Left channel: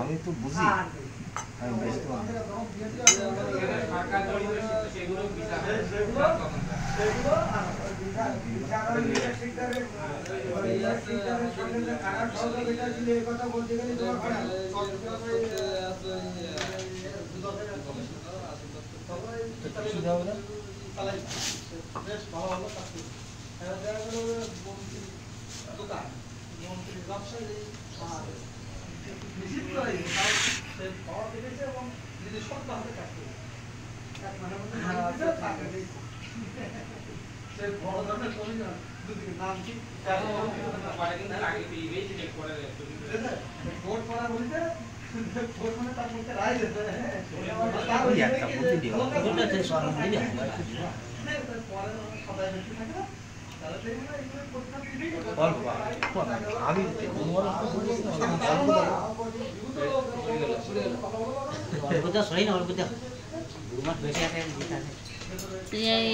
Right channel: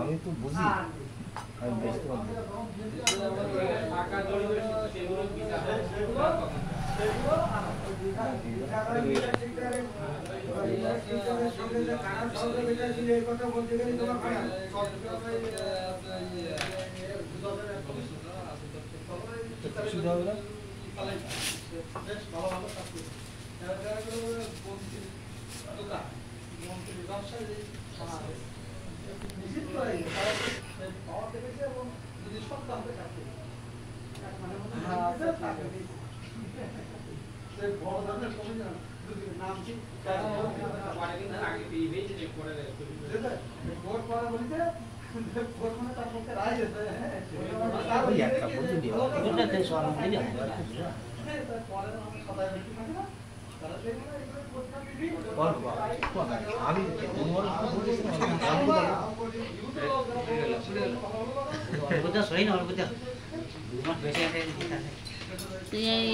আমি তো বুঝি আমি বুঝতে পারবো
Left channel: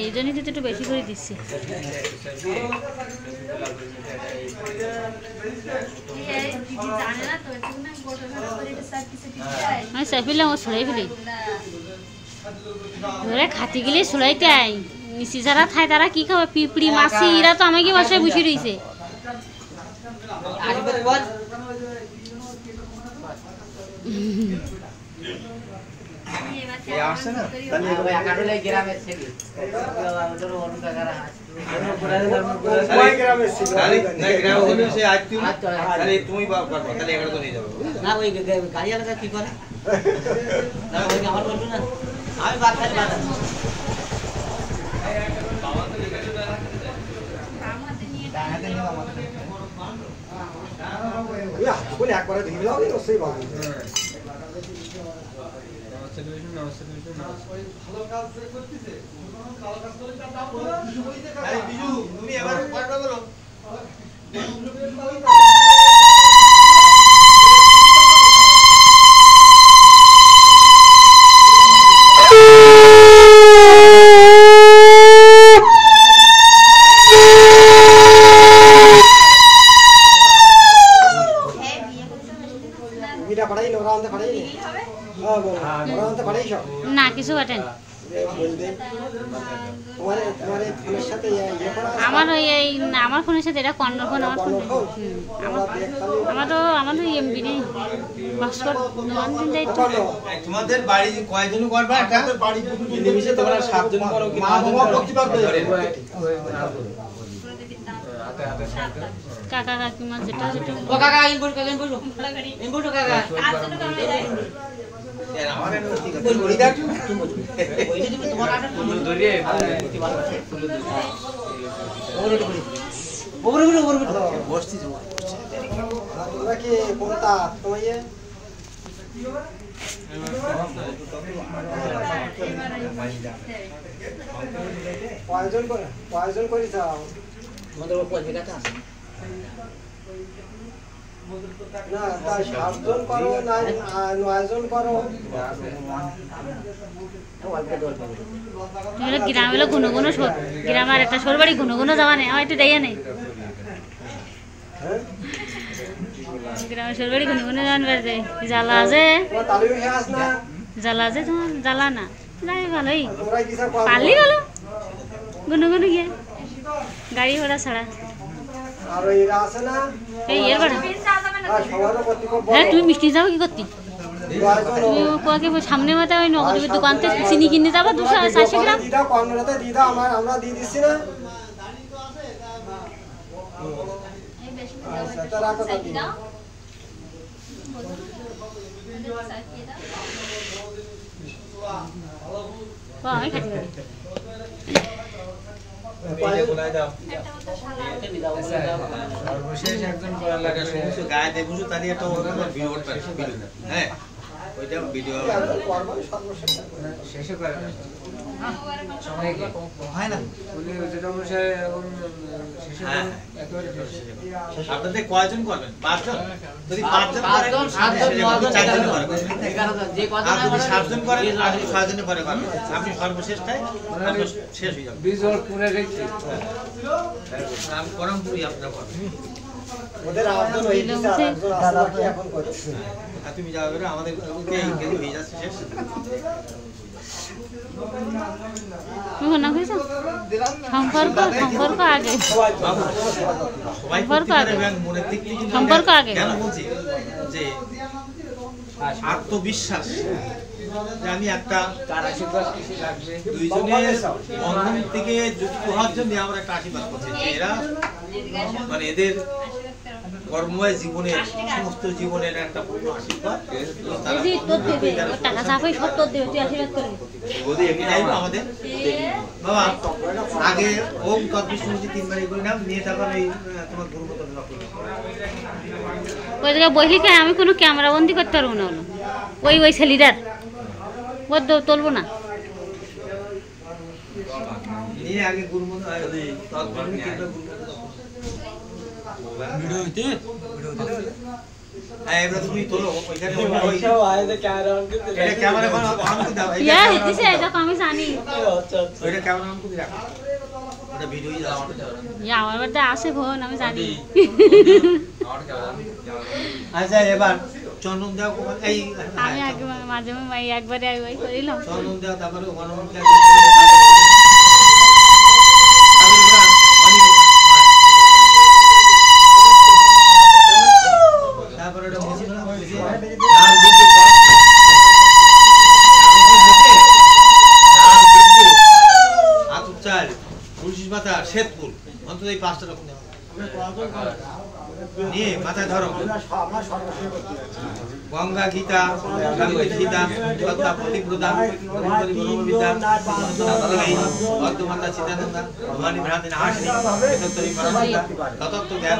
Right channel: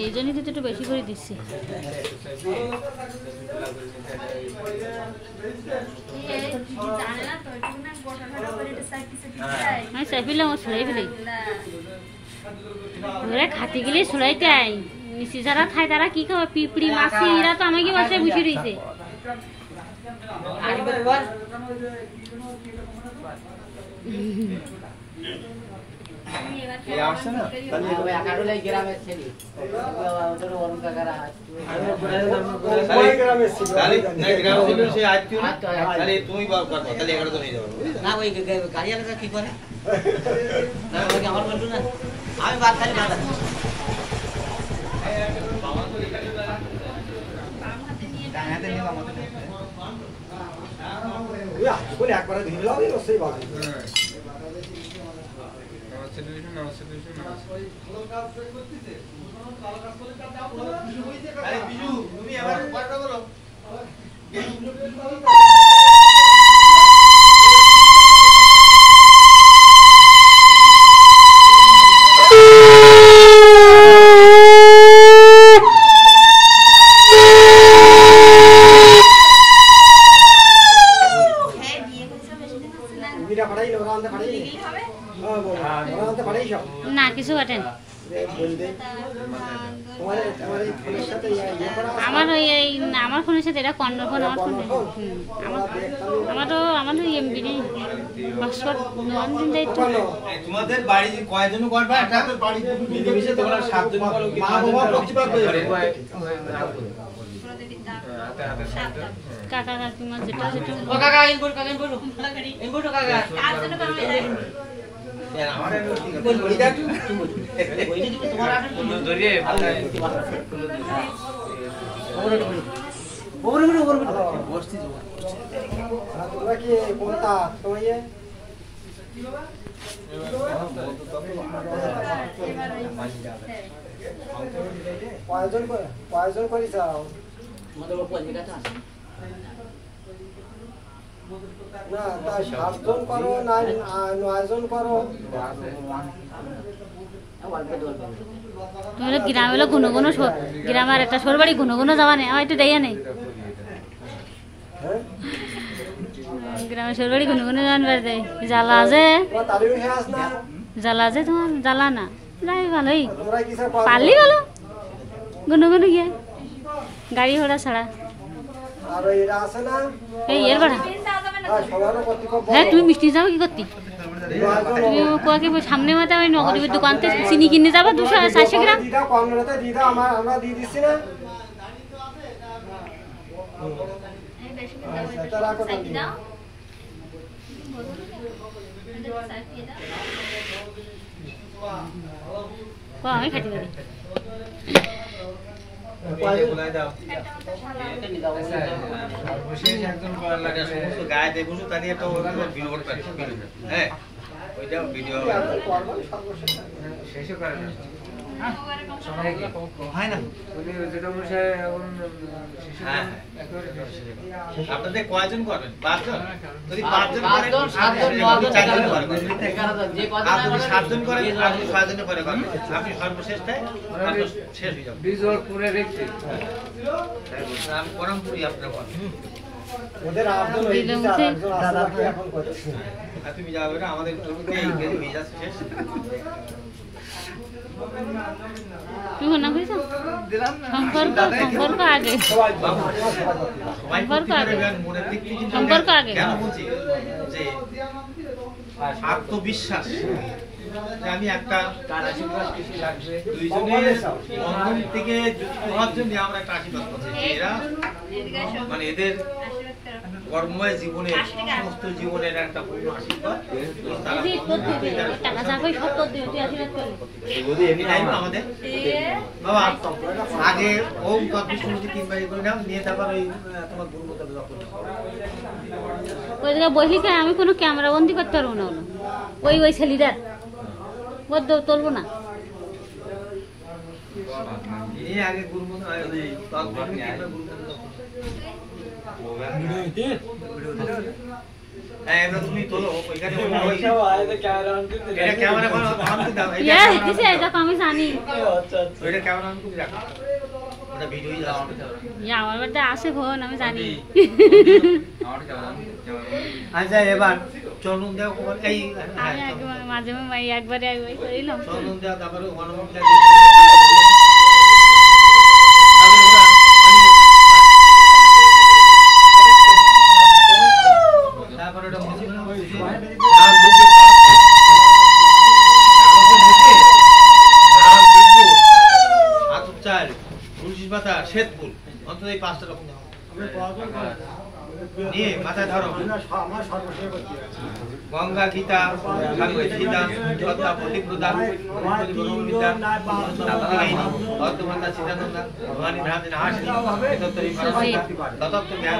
এই জন্যই তো একটু বেশি করে দিচ্ছি। আমি চাইছিলাম ও ছড়াই ফেলি ধরে খাতে গেলে ছড়াইতে আই মিশি যারা খায় তারা কি খাবে পিঁপড়ি মাছি এরা তো আমাকে বাসায় বসে রয়েছে। একবারে সেই ভালো না কিছু কাটেন আমার এই আমার ফোনের সাথে এটা কর্নার ফোন আমার ফোনে আমার এমবি নেই পাসওয়ার্ড নোয়ান দিন যাই তো তোমাদের বাড়ি কয়জন করবা এটা বাড়ি মিলেমিশে তোমরা 7 জন করো কি 5 জন করতে পারবে কাকা কাকিমা যেটা যেটা ও কাকা ইনপুট কাকা ইনপুট কাকা আজ যেটা করা যায় আমারে বলি দাও ওই যে তোমার আগে ধরে ওরে বসছি তো তোমরা কি কোনটা তোমায় কয়জন করে যাও আমাদের উপর জায়গাটা না তা 7 জন করো না 9 জন করো তোমরা গ্রাম হলো ঘন ঘন গ্রামের একটা সরবাড়ি ঘন ঘন যাওয়া নেই আমার একটু দেয়া নেই গ্রামের সরবাড়ি ঘন ঘন যাওয়ান বেড়ে যায় জ্বালা যে জ্বালা যে তোমার জ্বালা না যাই ভালোই পারলি ভালো ঘন ঘন গিয়ে গাড়ি ঘোড়া ছাড়া আর এরা আছে না এই এর বড় হ্যাঁ তুমি মিষ্টি যাও কি করতে তুমি কোয়াকে সামনে মাথা ওই নগরীর দোকান থেকে চিনি কিনে যাবো 240 গ্রাম দিদা কর্নারতে দিদা আমরা দিয়ে দিচ্ছি না আচ্ছা তারা কত দিদা আমি খাইতে পারি সর্বশেষ একজন করা লাগে সমস্ত গায়ে দেখুন তারই একটা ভিডিও করতে হ্যাঁ ওইটা ভিডিও শেষে করে হয় না হ্যাঁ আপনাদের কয়জন করবেন 5 জন যদি 5 জন করেন 4 জন করেন আর যদি 7 জন করেন আপনি 6 জনের পরে করবেন আপনি সর্বশেষটাই শেষ হয়ে যাবে বিজল পুরে রেখে আমি পরমপুরি আপনারা করবেন ওদের আব্দুল ওই দাদা এখন করছে তুমি যাবে না আমাদের ওইতে ইংরেজি হয়ে যাচ্ছে শেষ তুমি না কইছো সম্পর্ক আগে সম্পর্ক আগে সম্পর্ক আগে কেন বলছি যে আত্মবিশ্বাস যে আমি একটা দুইজনের বন্ধন থেকে যুক্ত হওয়ার জন্য আমরা একটা আশীর্বাদ করছি যে এরা মানে এদের কর্মময় জীবনের সমস্ত জীবনের একটা পূর্ণ আশীর্বাদ টাকা চাপাই সব তোর দিয়ে তুই আশীর্বাদ করবি আমাদের বাবা আগে ওম তৎবিষ্ণুজি 3 বার করে নাম নিয়ে তারপর এই তোমার দুর্গত লক্ষ্য ওই জায়গায় বসলি কে আমি কোনো ক্যামেরা বন্দি করতে পারবো না হলো ওই ছেলেটার ওর তুলবো না নিয়ে আগে গুরুমন্ত্র এবার তুমি তোলো ওইখানে ক্যামেরা অন করে দাও এটা আমি জানি ওইটা ক্যামেরা অন করে রাখো ওটা ভিডিওই যাচ্ছে আমার বাড়িতে আসে ফোন আমি জানি আচ্ছা এবার চন্দন দেও এই আমি আগে মাঝে মাঝে একবারে ওই করিলাম চন্দন দেও তারপরে গণমন্ত্রী তারপরে ওটা মুছি না মুছি আর দুটো আতুর চাল তুলসী পাতা শ্বেতফুল অন্তত এই 5টা রকম নিয়ে মাথায় ধরো গঙ্গা গীতা গঙ্গা গীতা গঙ্গা প্রতিপ্রদান বিদ্যা অর্ধমন্দা চিতানন্দা ভবানী ভ্রান্তি নাশ ততত্ত্ব জ্ঞান